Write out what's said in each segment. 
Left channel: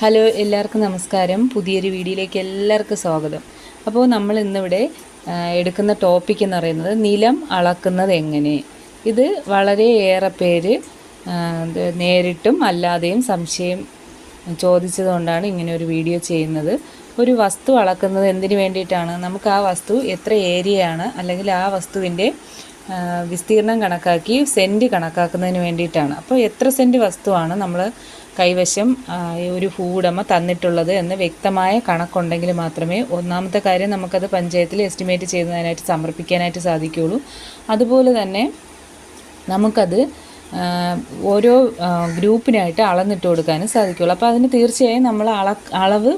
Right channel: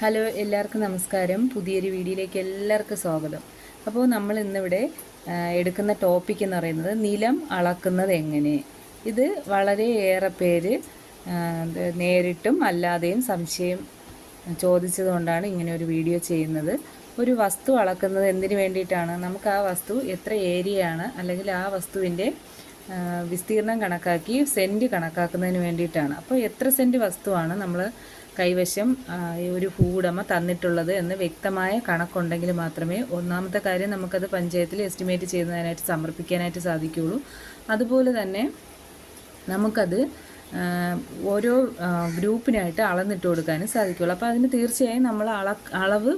Hello എല്ലാവർക്കും നമസ്കാരം. പുതിയൊരു വീഡിയോയിലേക്ക് എല്ലാവർക്കും സ്വാഗതം. അപ്പോൾ നമ്മൾ ഇന്നിവിടെ എടുക്കുന്ന ടോപ്പിക് എന്ന് പറയുന്നത് നിലം അളക്കുന്നത് എങ്ങനെ? ഇത് വളരെയേറെ പേര് നേരിട്ടും അല്ലാതെയും സംശയം ചോദിച്ചതുകൊണ്ടാണ് ഇങ്ങനെ ഒരു വീഡിയോ ചെയ്യുന്നത്. ഒരു വസ്തു അളക്കുന്നത് എന്തിനു വേണ്ടിയിട്ടാണ്? നമുക്ക് ആ വസ്തു എത്ര ഏരിയയാണ്? അല്ലെങ്കിൽ ആ വസ്തുവിന്റെ വിസ്തീർണം കണക്കാക്കി സെന്റ് കണക്കാക്കുന്നതിന് വേണ്ടിയിട്ടാണ്. അപ്പോൾ എത്ര സെന്റ് വസ്തുവാണ് നമ്മൾ കൈവശം ഒരു ഭൂവുടമ തന്നിട്ടുള്ളത് എന്ന് വ്യക്തമായ കണക്കുണ്ടെങ്കിൽ മാത്രമേ ഒന്നാമത്തെ കാര്യം നമുക്കത് പഞ്ചായത്തിൽ എസ്റ്റിമേറ്റ് ചെയ്യുന്നതിനായിട്ട് സമർപ്പിക്കാനായിട്ട് സാധിക്കുകയുള്ളൂ. അതുപോലെ തന്നെ നമുക്കത് ഓരോ ഗ്രൂപ്പിനായിട്ട് അളന്നിട്ട് കൊടുക്കാനും സാധിക്കുള്ളൂ അപ്പോൾ അതിന് തീർച്ചയായും നമ്മൾ അള അളവ്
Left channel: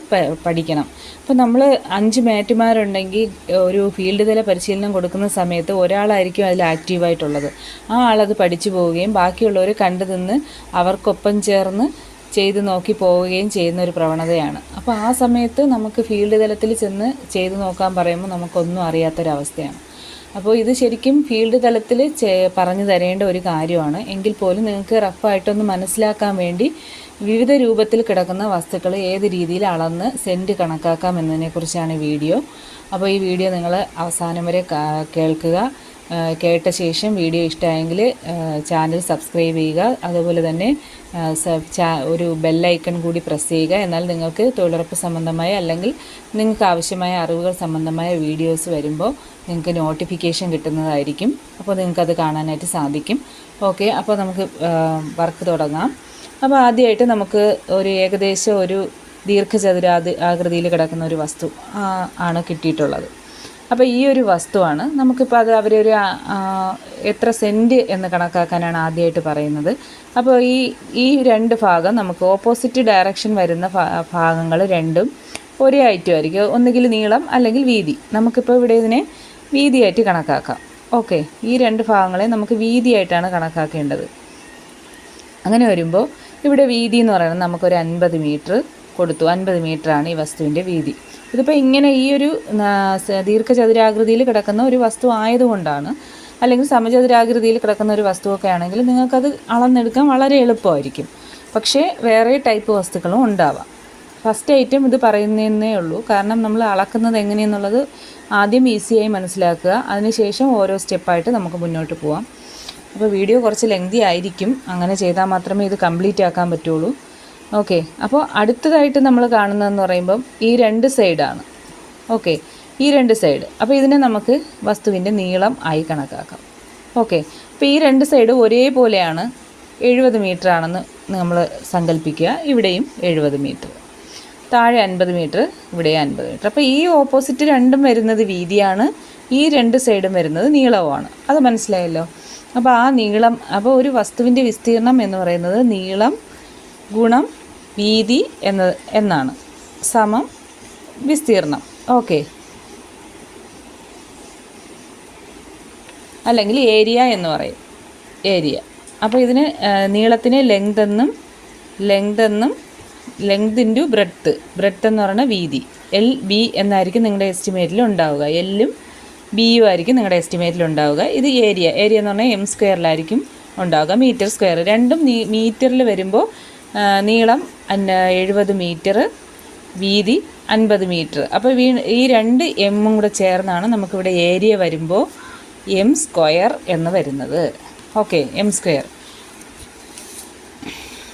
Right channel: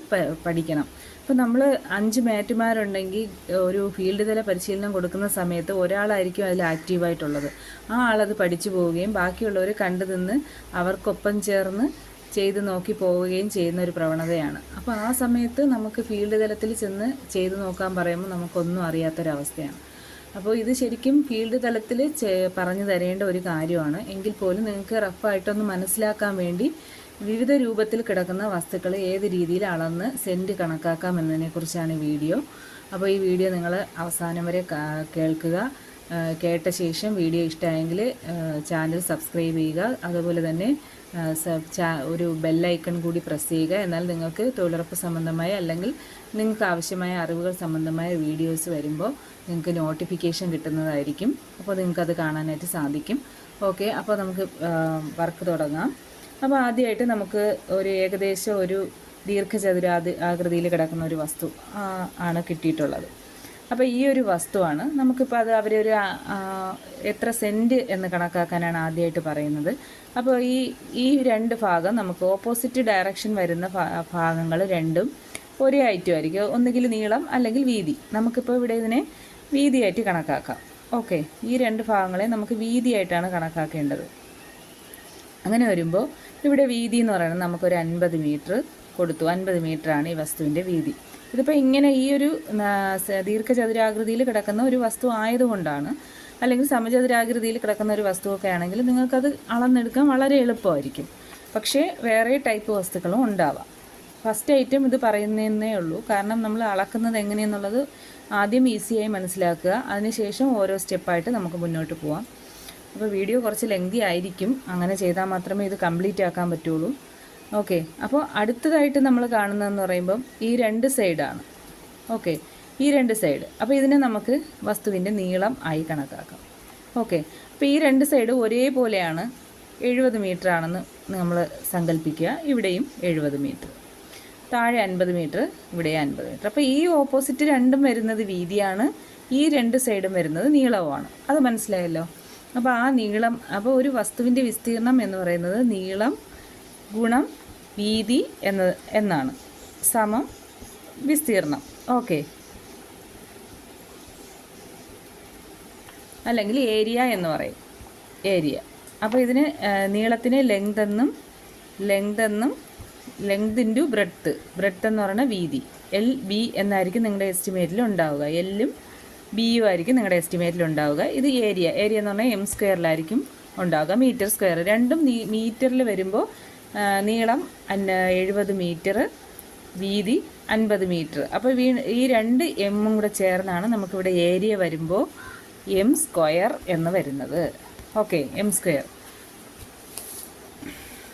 പഠിക്കണം. അപ്പോൾ നമ്മൾ അഞ്ച് മാറ്റുമാരുണ്ടെങ്കിൽ ഒരു ഫീൽഡ് തല പരിശീലനം കൊടുക്കുന്ന സമയത്ത് ഒരാളായിരിക്കും അതിൽ ആക്റ്റീവായിട്ടുള്ളത്. ആ ആളത് പഠിച്ചു പോവുകയും ബാക്കിയുള്ളവർ കണ്ടു നിന്ന് അവർക്കൊപ്പം ചേർന്ന് ചെയ്ത് നോക്കി പോവുകയും ചെയ്യുന്ന ഒരു പ്രവണതയാണ്. അപ്പോൾ ആ സമയത്ത് നമുക്ക് ഫീൽഡ് തലത്തിൽ ചെന്ന് ചെയ്ത് നോക്കാൻ പറയുമ്പോൾ നമുക്കൊന്നും അറിയാത്തൊരവസ്ഥയാണ്. അപ്പോൾ ഇത് ശരിക്കും ഫീൽഡ് തലത്തിൽ പറഞ്ഞു തരേണ്ട ഒരു കാര്യമാണ്. എങ്കിൽ പോലും നിങ്ങൾക്ക് റഫായിട്ടൊന്ന് മനസ്സിലാക്കാൻ വേണ്ടി വിവിധ രൂപത്തിൽ കിടക്കുന്ന വസ്തുക്കൾ ഏത് രീതിയിൽ അളന്ന് സെന്റ് കണക്കാക്കാം എന്നതിനെക്കുറിച്ചാണ് വീഡിയോ. അപ്പോൾ ഈ വീഡിയോ നിങ്ങൾ അവസാനം വരെ കേൾക്കുക. കേട്ട ശേഷം വീഡിയോ ഇഷ്ടമായെങ്കിൽ ചാനൽ സബ്സ്ക്രൈബ് ചെയ്യുക. അതുപോലെ തന്നെ ഒരു ബെല്ലൈക്കൺ കൂടി പ്രസ് ചെയ്യുക. എന്നാൽ നിങ്ങൾക്ക് തൊഴിലുറപ്പ് സംബന്ധമായ അല്ലെങ്കിൽ നിങ്ങൾക്ക് ആവശ്യമായ അറിവുകൾ സംബന്ധമായ വീഡിയോസ് വരുമ്പോൾ നിങ്ങൾക്ക് നോട്ടിഫിക്കേഷൻ കിട്ടുന്നതായിരിക്കും. അപ്പോൾ നിങ്ങൾക്കത് കാണാനായിട്ട് സാധിക്കും. ഓക്കെ അപ്പോൾ നമുക്ക് വർക്ക് തുടങ്ങാം. അപ്പോൾ ആദ്യമായിട്ട് നമുക്ക് ഒരു ഏകദേശം ഒരു ദീർഘചതുരാതി ആകൃതിയിൽ കിടക്കുന്ന ഒരു വസ്തു ആണ് കിട്ടിയിട്ടുള്ളത്. അപ്പോൾ ഈ ഒരു വസ്തുവാണ്. നമുക്കിപ്പോൾ അത് അവരൊരു എത്ര സെന്റ് എന്ന് കണക്കാക്കാനാണ് ആദ്യമായിട്ട് പറയുന്നത്. അപ്പോൾ ഈ ഈ രണ്ട് ഭാഗം നമുക്ക് ഓപ്പോസിറ്റ് ഡയറക്ഷൻ വരുന്ന ഭാഗങ്ങൾ രണ്ടും ഒരേ ഐറ്റം ആയിരിക്കും. ഒന്നുകിൽ നീളം അല്ലെങ്കിൽ വീതി. നമുക്കിപ്പോൾ ഇവിടെ ഇതിനെ വീതിയായിട്ട് കണക്കാക്കാം. ഓക്കെ. ഈ രണ്ട് ഭാഗങ്ങളെ നമുക്ക് വീതിയായിട്ടാണ് കണക്കാക്കേണ്ടത്. അങ്ങനെ വരുമ്പോൾ ഇവിടെ വീതി എന്ന് പറയുന്നത് നമുക്കൊരു അൻപത് മീറ്റർ കൊടുത്തു. അൻപത് മീറ്ററാണ് ഈ വസ്തുവിന്റെ വീതി. ഇതിപ്പോൾ ഇങ്ങനെ ഈ ഒരു ദീർഘചതുരാകൃതിയിൽ കിടക്കുന്ന ഒരു വസ്തു ആയതുകൊണ്ടാണ് അല്ലെങ്കിൽ സമചതുരാകൃതിയിൽ കിടക്കുന്ന ഒരു വസ്തുവൊക്കെ ആണെങ്കിൽ നിങ്ങൾക്കത് അളന്നെടുക്കാൻ വളരെ എളുപ്പമായിരിക്കും. പക്ഷേ വേറെ ടൈപ്പ് വസ്തുക്കളും ഉണ്ടാവാം. ഫസ്റ്റ് ഐറ്റം ഇത് പറയുന്നതേ ഉള്ളൂ. കാരണം നമ്മൾ അളക്കുന്നത് എങ്ങനെയെന്നുള്ളത് ആദ്യം ഈസിയായി മനസ്സിലാക്കുക. അതിനുശേഷം ഓരോ സ്റ്റെപ്പായിട്ട് നമുക്ക് മുന്നോട്ട് പോവാം. അപ്പോൾ വീഡിയോ കുറച്ച് ലെങ്തി ആയിരിക്കും. അങ്ങനെ ചെയ്താൽ മാത്രമേ ഇത് കംപ്ലീറ്റ് ആക്കാൻ പറ്റുള്ളൂ. ഓക്കെ. അപ്പോൾ അടുത്തതായിട്ട് നമ്മൾ കാണുന്നതെന്ന് പറയുമ്പം ഈ രണ്ട് സൈഡാണ്. ഓക്കെ. ഈ രണ്ട് സൈഡ്. അപ്പോൾ ഇതിനെ നമുക്ക് വസ്തുവിന്റെ നീളം ആയി കണക്കാക്കാം. ഓക്കെ. അപ്പോൾ ഈ രണ്ട് സൈഡ് ഒരേപോലെയാണ്. എഴുപത് മീറ്റർ ആണെന്ന് നമ്മൾ സങ്കല്പിക്കുക. ഇവിടെയും എഴുപത് മീറ്റർ. താഴെ അൻപത് മീറ്റർ ഇവിടെ അൻപത് മീറ്റർ. അപ്പോൾ ഈ ഓപ്പോസിറ്റ് രണ്ടും വരുന്നത് വീതിയാണ്. ഈ രണ്ട് സൈഡും വരുന്നത് നീളവുമാണ്. അത് മനസ്സിലായല്ലോ? അപ്പോൾ ആ നീളം അപ്പോൾ ഒരു വസ്തുവിന്റെ വിസ്തീർണം എന്ന് പറയുന്നത് നീളം ഗുണം വീതി എന്ന എന്നാണ്. സമം വിസ്തീർണം ഓക്കെ. അല്ലെങ്കിൽ ഏരിയ എന്ന് പറയും. ഏരിയ. അപ്പോൾ ഇതിന് നീളത്തിന് ലെങ്ത് എന്നും ലെങ്ത് എന്നും ലെങ്ത് ഇന്റു ബ്രെഡ്ത്ത് ബ്രെഡ്ത്ത് എന്ന് പറയുന്ന വീതി. എൽ ബി എന്നായിരിക്കും നിങ്ങളുടെ എസ്റ്റിമേറ്റിൽ ഉണ്ടാവുക. എല്ലും ബിയും ആയിരിക്കും നിങ്ങളുടെ എസ്റ്റിമേറ്റിൽ ഉണ്ടാവുക. ഇത് ഏരിയ. ഏരിയ എന്ന് പറഞ്ഞാൽ എം സ്ക്വയറിലായിരിക്കും ഉണ്ടാവുക. മീറ്റർ സ്ക്വയർ രണ്ടും മീറ്ററിൽ വരുമ്പോൾ നീളം എഴുപത് മീറ്റർ വീതി അൻപത് മീറ്റർ. അപ്പോൾ വീ ഈ രണ്ട് എമ്മും കൂടെ ചേർന്നാണ് നമുക്കിവിടെ ഏരിയ വരുമ്പോൾ എം സ്ക്വയർ എന്ന് വരുന്നത്. ഓക്കെ എം സ്ക്വയർ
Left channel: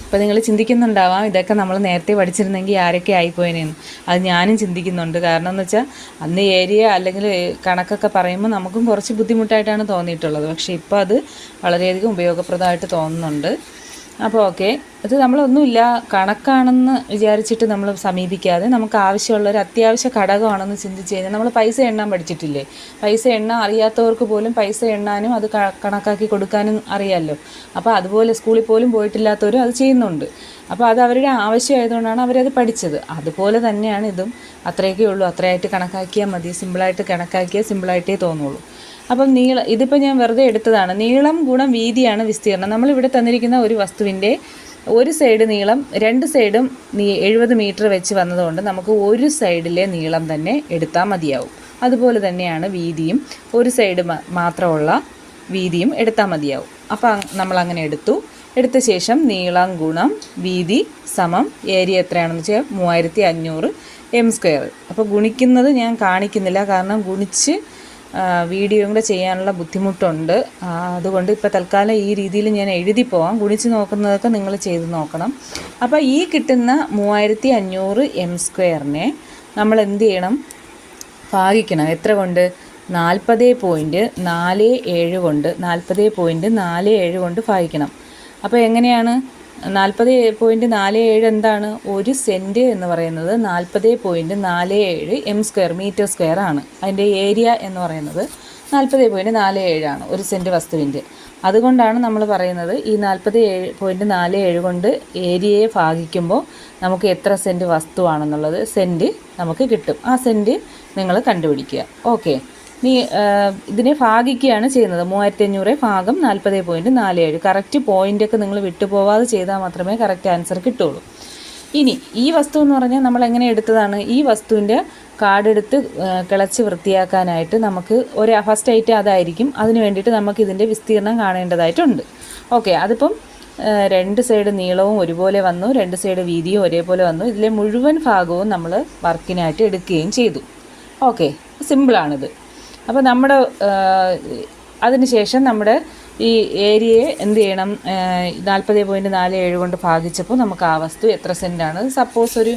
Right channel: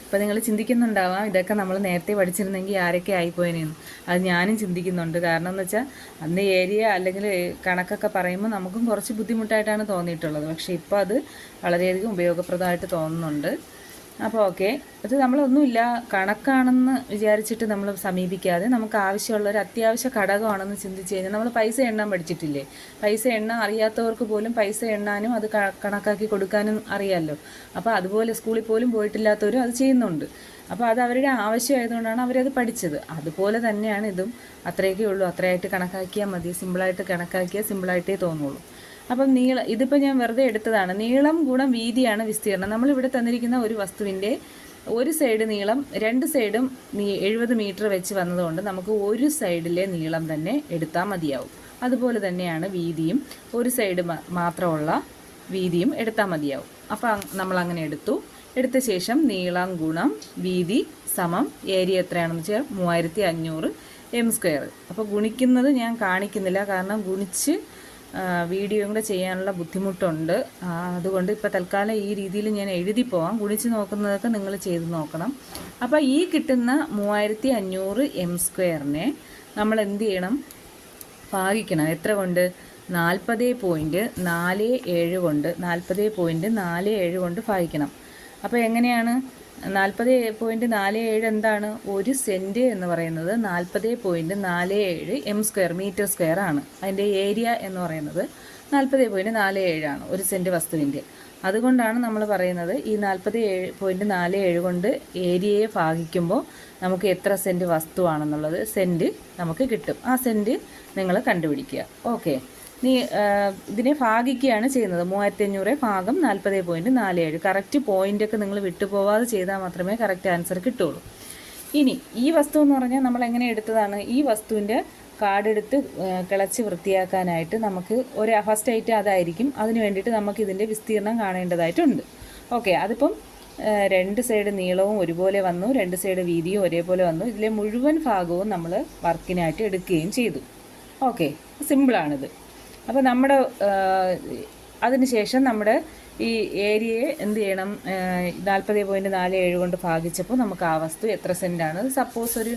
അപ്പോൾ നിങ്ങൾ ചിന്തിക്കുന്നുണ്ടാവാം ഇതൊക്കെ നമ്മൾ നേരത്തെ പഠിച്ചിരുന്നെങ്കിൽ ആരൊക്കെ ആയിപ്പോയനെന്ന് അത് ഞാനും ചിന്തിക്കുന്നുണ്ട്. കാരണം എന്ന് വെച്ചാൽ അന്ന് ഏരിയ അല്ലെങ്കിൽ കണക്കൊക്കെ പറയുമ്പോൾ നമുക്കും കുറച്ച് ബുദ്ധിമുട്ടായിട്ടാണ് തോന്നിയിട്ടുള്ളത്. പക്ഷേ ഇപ്പോൾ അത് വളരെയധികം ഉപയോഗപ്രദമായിട്ട് തോന്നുന്നുണ്ട്. അപ്പോൾ ഓക്കെ. ഇത് നമ്മളൊന്നുമില്ല കണക്കാണെന്ന് വിചാരിച്ചിട്ട് നമ്മൾ സമീപിക്കാതെ നമുക്ക് ആവശ്യമുള്ള ഒരു അത്യാവശ്യ ഘടകമാണെന്ന് ചിന്തിച്ച് കഴിഞ്ഞാൽ നമ്മൾ പൈസ എണ്ണാൻ പഠിച്ചിട്ടില്ലേ? പൈസ എണ്ണാൻ അറിയാത്തവർക്ക് പോലും പൈസ എണ്ണാനും അത് കണക്കാക്കി കൊടുക്കാനും അറിയാമല്ലോ അപ്പോൾ അതുപോലെ സ്കൂളിൽ പോലും പോയിട്ടില്ലാത്തവരും അത് ചെയ്യുന്നുണ്ട്. അപ്പോൾ അത് അവരുടെ ആവശ്യമായതുകൊണ്ടാണ് അവരത് പഠിച്ചത്. അതുപോലെ തന്നെയാണ് ഇതും. അത്രയൊക്കെ ഉള്ളൂ. അത്രയായിട്ട് കണക്കാക്കിയാൽ മതി. സിമ്പിളായിട്ട് കണക്കാക്കിയാൽ സിമ്പിളായിട്ടേ തോന്നുള്ളൂ. അപ്പം നീളം ഇതിപ്പോൾ ഞാൻ വെറുതെ എടുത്തതാണ്. നീളം ഗുണം വീതിയാണ് വിസ്തീർണം നമ്മളിവിടെ തന്നിരിക്കുന്ന ഒരു വസ്തുവിന്റെ ഒരു സൈഡ് നീളം രണ്ട് സൈഡും നീ എഴുപത് മീറ്റർ വെച്ച് വന്നതുകൊണ്ട് നമുക്ക് ഒരു സൈഡിലെ നീളം തന്നെ എടുത്താൽ മതിയാവും. അതുപോലെ തന്നെയാണ് വീതിയും. ഒരു സൈഡ് മാത്രമുള്ള വീതിയും എടുത്താൽ മതിയാവും. അപ്പോൾ നമ്മൾ അങ്ങനെ എടുത്തു. എടുത്ത ശേഷം നീളം ഗുണം വീതി സമം ഏരിയ എത്രയാണെന്ന് വെച്ചാൽ മൂവായിരത്തി അഞ്ഞൂറ് എം സ്ക്വയർ അപ്പോൾ ഗുണിക്കുന്നത് ഞാൻ കാണിക്കുന്നില്ല. കാരണം ഗുണിച്ച് വീഡിയോയും കൂടെ ചെയ്യാനുള്ള ബുദ്ധിമുട്ടുണ്ട്. അതുകൊണ്ട് ഇപ്പോൾ തൽക്കാലം ഈ രീതിയിൽ ഞാൻ എഴുതി പോവാം. ഗുണിച്ച് നോക്കുന്നതൊക്കെ നിങ്ങൾ ചെയ്ത് നോക്കണം. അപ്പോൾ ഈ കിട്ടുന്ന മൂവായിരത്തി അഞ്ഞൂറ് എം സ്ക്വയറിനെ നമ്മൾ എന്ത് ചെയ്യണം? ഭാഗിക്കണം. എത്ര കൊണ്ട്? നാൽപ്പത് പോയിന്റ് നാല് ഏഴ് കൊണ്ട്. നാൽപ്പത് പോയിന്റ് നാല് ഏഴ് കൊണ്ട് ഭാഗിക്കണം. അപ്പോൾ എങ്ങനെയാണ്? നാൽപ്പത് പോയിന്റ് നാല് ഏഴ് എന്താണ് ഒരു സെന്റ് എന്ന് പറയുന്നത്. നാൽപ്പത് പോയിന്റ് നാല് ഏഴ് എം സ്ക്വയർ മീറ്റർ സ്ക്വയർ ആണ്. അതിന്റെ ഏരിയ എന്ന് പറയുന്നത് നാൽപ്പത് പോയിന്റ് നാല് ഏഴാണ് ഒരു സെന്റ് വസ്തുവിന്റെ അതുകൊണ്ടാണ് നമ്മൾ പറയുന്നത് ഈ നാൽപ്പത് ഏഴ് പോയിന്റ് നാല് ഏഴ് കൊണ്ട് ഏരിയയെ ഭാഗിക്കുമ്പോൾ നമുക്ക് എത്ര സെന്റ് വസ്തുവാണെന്നുള്ളത് സെന്റ് നമുക്ക് കിട്ടും. ആ സെന്റ് നിങ്ങൾ കണ്ടുപിടിക്കുക. ഓക്കെ. നീ ഇതിനെ ഭാഗിക്കുകയാണ് ചെയ്യുന്നത്. മൂവായിരത്തി അഞ്ഞൂറ് ഭാഗം നാൽപ്പത് പോയിന്റ് നാല് ഏഴ്. കറക്റ്റ് പോയിന്റൊക്കെ നിങ്ങൾ വിട്ടുപോവാതെ ചെയ്താൽ മാത്രമേ കറക്റ്റ് ആൻസർ കിട്ടുള്ളൂ ഇനി ഈ വസ്തു എന്ന് പറഞ്ഞാൽ നമ്മൾ എങ്ങനെ എടുത്തതാണ്? ഈ വസ്തുവിന്റെ കാർഡെടുത്ത് ആ, കിളച്ച് വൃത്തിയാക്കാനായിട്ട് നമുക്ക് ഒരു ഫസ്റ്റ് ഐറ്റം അതായിരിക്കും. അതിന് വേണ്ടിയിട്ട് നമുക്ക് ഇതിന്റെ വിസ്തീർണം കാണേണ്ടതായിട്ടുണ്ട്. ഓക്കെ അതിപ്പം രണ്ട് സൈഡ് നീളവും ഒരുപോലെ വന്നു. രണ്ട് സൈഡ് വീതിയും ഒരേപോലെ വന്നു. ഇതിലെ മുഴുവൻ ഭാഗവും നമ്മൾ വർക്കിനായിട്ട് എടുക്കുകയും ചെയ്തു. ഓക്കെ സിമ്പിളാണിത് അപ്പോൾ നമ്മുടെ അതിനുശേഷം നമ്മുടെ ഈ ഏരിയയെ എന്ത് ചെയ്യണം? നാൽപ്പത് പോയിന്റ് നാല് ഏഴ് കൊണ്ട് ഭാഗിച്ചപ്പോൾ നമുക്ക് ആ വസ്തു എത്ര സെന്റാണ് സപ്പോസ് ഒരു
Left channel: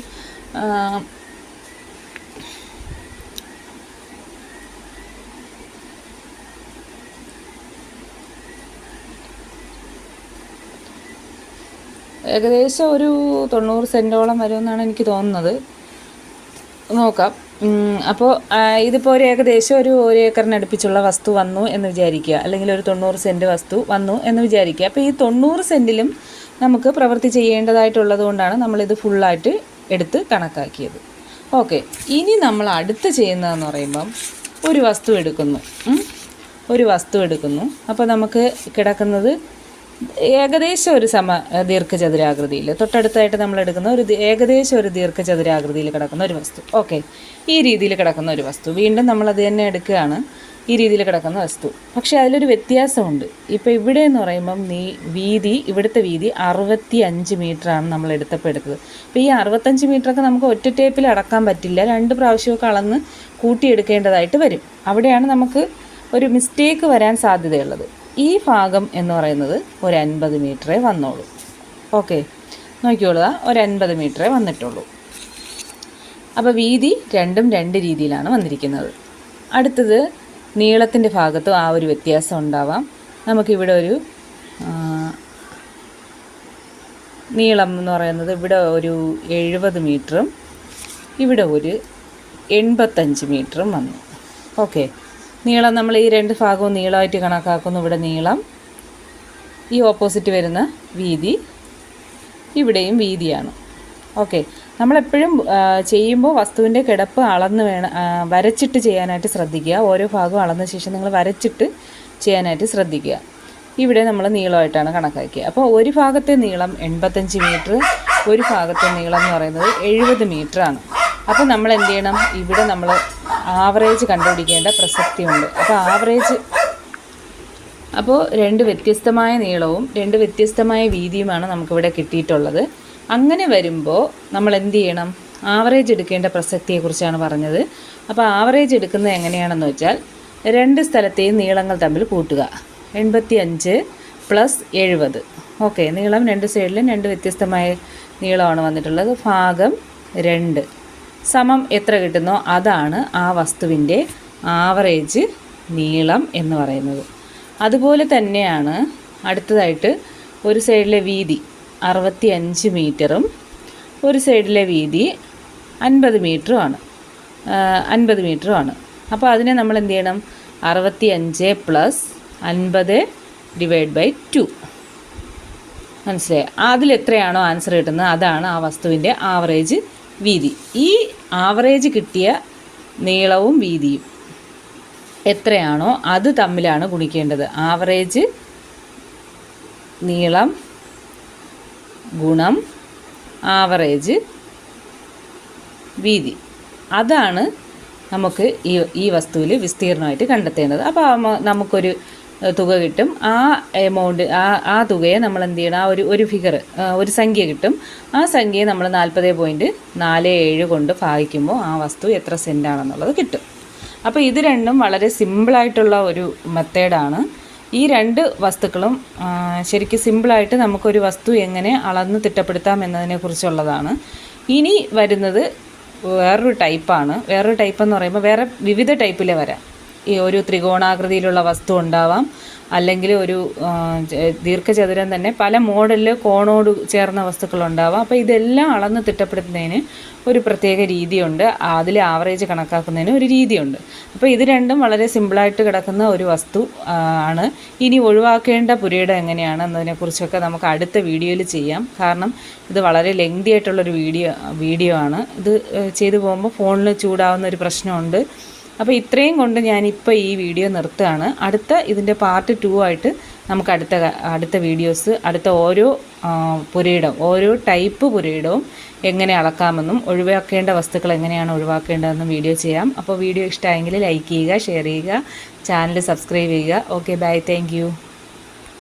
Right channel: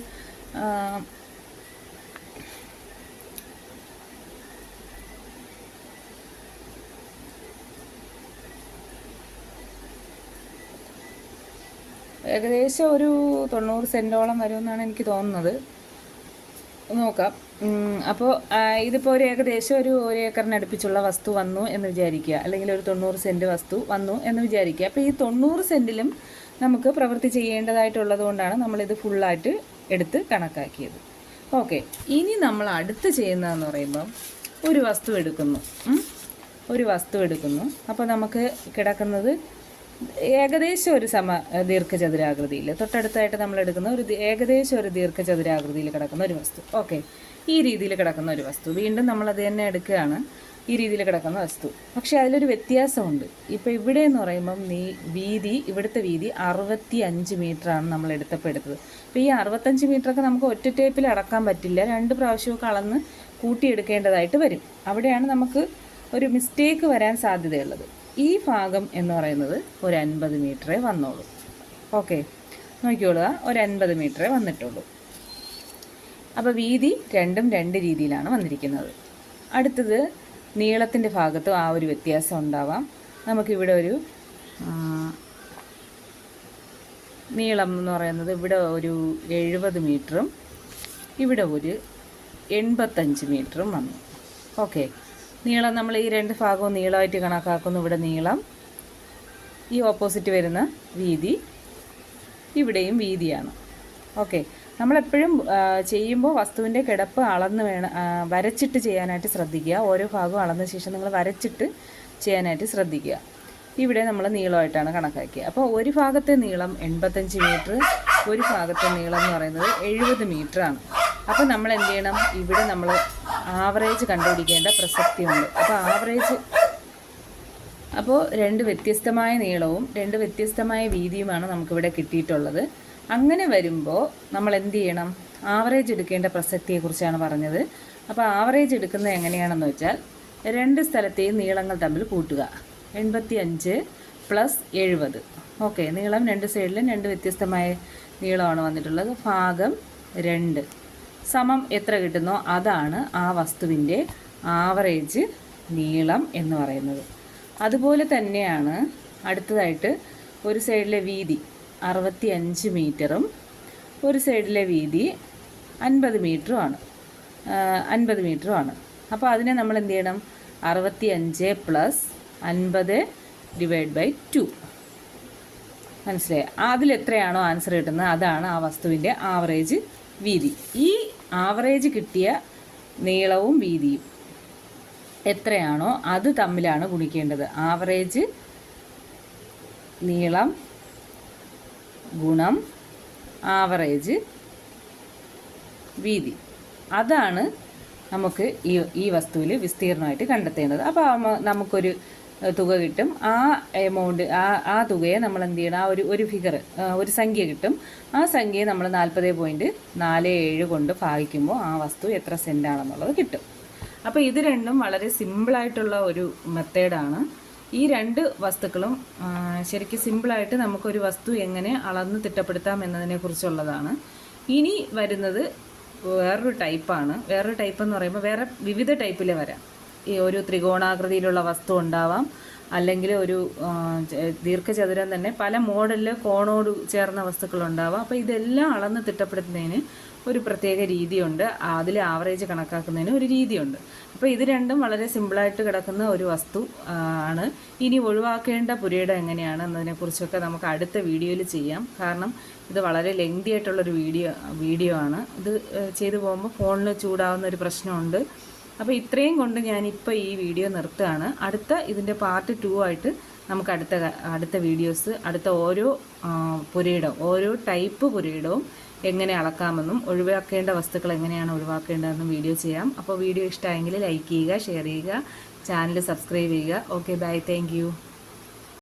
ഏകദേശം ഒരു തൊണ്ണൂറ് സെന്റോളം വരുമെന്നാണ് എനിക്ക് തോന്നുന്നത്. നോക്കാം. അപ്പോൾ ഇതിപ്പോൾ ഒരു ഏകദേശം ഒരു ഒരു ഏക്കറിന് അടുപ്പിച്ചുള്ള വസ്തു വന്നു എന്ന് വിചാരിക്കുക. അല്ലെങ്കിൽ ഒരു തൊണ്ണൂറ് സെന്റ് വസ്തു വന്നു എന്ന് വിചാരിക്കുക. അപ്പോൾ ഈ തൊണ്ണൂറ് സെന്റിലും നമുക്ക് പ്രവൃത്തി ചെയ്യേണ്ടതായിട്ടുള്ളത് കൊണ്ടാണ് നമ്മളിത് ഫുള്ളായിട്ട് എടുത്ത് കണക്കാക്കിയത്. ഓക്കെ. ഇനി നമ്മൾ അടുത്ത് ചെയ്യുന്നതെന്ന് പറയുമ്പം ഒരു വസ്തു എടുക്കുന്നു. ഒരു വസ്തു എടുക്കുന്നു. അപ്പോൾ നമുക്ക് കിടക്കുന്നത് ഏകദേശം ഒരു സമ ദീർഘചതുരാകൃതിയിൽ. തൊട്ടടുത്തായിട്ട് നമ്മൾ എടുക്കുന്ന ഒരു ഏകദേശം ഒരു ദീർഘചതുരാകൃതിയിൽ കിടക്കുന്ന ഒരു വസ്തു. ഓക്കെ. ഈ രീതിയിൽ കിടക്കുന്ന ഒരു വസ്തു. വീണ്ടും നമ്മൾ അത് തന്നെ എടുക്കുകയാണ്. ഈ രീതിയിൽ കിടക്കുന്ന വസ്തു. പക്ഷേ അതിലൊരു വ്യത്യാസമുണ്ട്. ഇപ്പോൾ ഇവിടെ എന്ന് പറയുമ്പം നീ വീതി ഇവിടുത്തെ വീതി അറുപത്തി അഞ്ച് മീറ്ററാണ് നമ്മൾ എടുത്തപ്പോൾ എടുത്തത്. അപ്പോൾ ഈ അറുപത്തഞ്ച് മീറ്ററൊക്കെ നമുക്ക് ഒറ്റ ടേപ്പിൽ അടക്കാൻ പറ്റില്ല. രണ്ട് പ്രാവശ്യമൊക്കെ അളന്ന് കൂട്ടിയെടുക്കേണ്ടതായിട്ട് വരും. അവിടെയാണ് നമുക്ക് ഒരു മിസ്റ്റേക്ക് വരാൻ സാധ്യതയുള്ളത്. ഈ ഭാഗം എന്ന് പറയുന്നത് ഒരു അൻപത് മീറ്ററേ വന്നോളൂ. ഓക്കെ. നോക്കിയോളുക ഒരു അൻപത് മീറ്ററേ വന്നിട്ടുള്ളൂ. അപ്പോൾ വീതി രണ്ടും രണ്ട് രീതിയിലാണ് വന്നിരിക്കുന്നത്. അടുത്തത് നീളത്തിന്റെ ഭാഗത്തും ആ ഒരു വ്യത്യാസം ഉണ്ടാവാം. നമുക്കിവിടെ ഒരു നീളം എന്ന് പറയുന്നത് ഇവിടെ ഒരു എഴുപത് മീറ്ററും ഇവിടെ ഒരു എൺപത്തഞ്ച് മീറ്ററും വന്നു. ഓക്കെ. നീളം നമ്മൾ ഈ രണ്ട് ഭാഗവും നീളമായിട്ട് കണക്കാക്കുന്നു ഇവിടെ നീളം. ഈ ഓപ്പോസിറ്റ് വരുന്ന വീതി ഇവിടെയും വീതിയാണ്. ഓക്കെ നമ്മളെപ്പോഴും ചെയ്യുമ്പോൾ വസ്തുവിന്റെ കിടപ്പ് അളന്ന് വേണം വരച്ചിട്ട് ചെയ്യാനായിട്ട് ശ്രദ്ധിക്കുക. ഓരോ ഭാഗവും അളന്ന ശേഷം നിങ്ങൾ വരച്ചിട്ട് ചെയ്യാനായിട്ട് ശ്രദ്ധിക്കുക. ഇവിടെ നമ്മൾ നീളമായിട്ടാണ് കണക്കാക്കിയത്. അപ്പോൾ ഒരു ഭാഗത്തെ നീളം എൺപത്തഞ്ച് മീറ്റർ ഒരു ഭാഗത്തെ നീളം എന്ന് പറയുന്നത് എഴുപത് മീറ്റർ ആണ് അപ്പോൾ നമ്മൾ എന്ത് ചെയ്യണം ഇവിടെ നമ്മൾ ആവറേജ് കണ്ടുപിടിക്കേണ്ട പ്രസക്തിയുണ്ട്. അപ്പോൾ ആവറേജ് അപ്പോൾ രണ്ട് വ്യത്യസ്തമായ നീളവും രണ്ട് വ്യത്യസ്തമായ വീതിയുമാണ് നമുക്കിവിടെ കിട്ടിയിട്ടുള്ളത്. അങ്ങനെ വരുമ്പോൾ നമ്മൾ എന്ത് ചെയ്യണം ആവറേജ് എടുക്കേണ്ട പ്രസക്തിയെക്കുറിച്ചാണ് പറഞ്ഞത്. അപ്പോൾ ആവറേജ് എടുക്കുന്നത് എങ്ങനെയാണെന്ന് വെച്ചാൽ രണ്ട് സ്ഥലത്തെയും നീളങ്ങൾ തമ്മിൽ കൂട്ടുക. എൺപത്തി അഞ്ച് പ്ലസ് എഴുപത്. ഓക്കെ നീളം രണ്ട് സൈഡിലും രണ്ട് വ്യത്യസ്തമായ നീളമാണ് വന്നിട്ടുള്ളത്. ഭാഗം രണ്ട്. സമം എത്ര കിട്ടുന്നോ അതാണ് ആ വസ്തുവിന്റെ ആവറേജ് നീളം എന്ന് പറയുന്നത്. അതുപോലെ തന്നെയാണ് അടുത്തതായിട്ട് ഒരു സൈഡിലെ വീതി അറുപത്തി അഞ്ച് മീറ്ററും ഒരു സൈഡിലെ വീതി അൻപത് മീറ്ററുമാണ്. അൻപത് മീറ്ററുമാണ്. അപ്പോൾ അതിനെ നമ്മൾ എന്ത് ചെയ്യണം? അറുപത്തി അഞ്ച് പ്ലസ് അൻപത് ഡിവൈഡ് ബൈ ടു. മനസ്സിലായി? അതിൽ എത്രയാണോ ആൻസർ കിട്ടുന്നത്? അതാണ് ആ വസ്തുവിന്റെ ആവറേജ് വീതി. ഈ ആവറേജ് കിട്ടിയ നീളവും വീതിയും എത്രയാണോ അത് തമ്മിലാണ് ഗുണിക്കേണ്ടത്. ആവറേജ് നീളം ഗുണം ആവറേജ് വീതി. അതാണ് നമുക്ക് ഈ ഈ വസ്തുവിൽ വിസ്തീർണമായിട്ട് കണ്ടെത്തേണ്ടത്. അപ്പോൾ നമുക്കൊരു തുക കിട്ടും. ആ എമൗണ്ട് ആ ആ തുകയെ നമ്മൾ എന്ത് ചെയ്യണം? ആ ഒരു ഒരു ഫിഗർ ഒരു സംഖ്യ കിട്ടും. ആ സംഖ്യയെ നമ്മൾ നാൽപ്പത് പോയിന്റ് നാല് ഏഴ് കൊണ്ട് ഭാഗിക്കുമ്പോൾ ആ വസ്തു എത്ര സെന്റാണെന്നുള്ളത് കിട്ടും. അപ്പോൾ ഇത് രണ്ടും വളരെ സിമ്പിളായിട്ടുള്ള ഒരു മെത്തേഡാണ് ഈ രണ്ട് വസ്തുക്കളും ശരിക്കും സിമ്പിളായിട്ട് നമുക്കൊരു വസ്തു എങ്ങനെ അളന്ന് തിട്ടപ്പെടുത്താം എന്നതിനെക്കുറിച്ചുള്ളതാണ്. ഇനി വരുന്നത് വേറൊരു ടൈപ്പാണ് വേറൊരു ടൈപ്പ് എന്ന് പറയുമ്പോൾ വേറെ വിവിധ ടൈപ്പിലെ വരാം. ഈ ഒരു ത്രികോണാകൃതിയിലുള്ള വസ്തു ഉണ്ടാവാം. അല്ലെങ്കിൽ ഒരു ദീർഘചതുരം തന്നെ പല മോഡലിൽ കോണോട് ചേർന്ന വസ്തുക്കളുണ്ടാവാം അപ്പോൾ ഇതെല്ലാം അളന്ന് തിട്ടപ്പെടുത്തുന്നതിന് ഒരു പ്രത്യേക രീതിയുണ്ട്. അതിൽ ആവറേജ് കണക്കാക്കുന്നതിന് ഒരു രീതിയുണ്ട്. അപ്പോൾ ഇത് രണ്ടും വളരെ സിമ്പിളായിട്ട് കിടക്കുന്ന ഒരു വസ്തു ആണ്. ഇനി ഒഴിവാക്കേണ്ട പുരയിടം എങ്ങനെയാണ് എന്നതിനെക്കുറിച്ചൊക്കെ നമുക്ക് അടുത്ത വീഡിയോയിൽ ചെയ്യാം. കാരണം ഇത് വളരെ ലെങ്തി ആയിട്ടുള്ളൊരു വീഡിയോ വീഡിയോ ആണ്. ഇത് ചെയ്തു പോകുമ്പോൾ ഫോണിൽ ചൂടാവുന്ന ഒരു പ്രശ്നമുണ്ട്. അപ്പോൾ ഇത്രയും കൊണ്ട് ഞാനിപ്പോൾ ഈ വീഡിയോ നിർത്തുകയാണ്. അടുത്ത ഇതിന്റെ പാർട്ട് ടു ആയിട്ട് നമുക്ക് അടുത്ത അടുത്ത വീഡിയോസ് അടുത്ത ഓരോ പുരയിടവും പുരയിടം ഓരോ ടൈപ്പ് പുരയിടവും എങ്ങനെ അളക്കാമെന്നും ഒഴിവാക്കേണ്ട വസ്തുക്കൾ എങ്ങനെയാണ് ഒഴിവാക്കേണ്ടതെന്നും വീഡിയോ ചെയ്യാം. അപ്പോൾ വീഡിയോ ഇഷ്ടമായെങ്കിൽ ലൈക്ക് ചെയ്യുക ഷെയർ ചെയ്യുക ചാനൽ സബ്സ്ക്രൈബ് ചെയ്യുക. Okay bye thank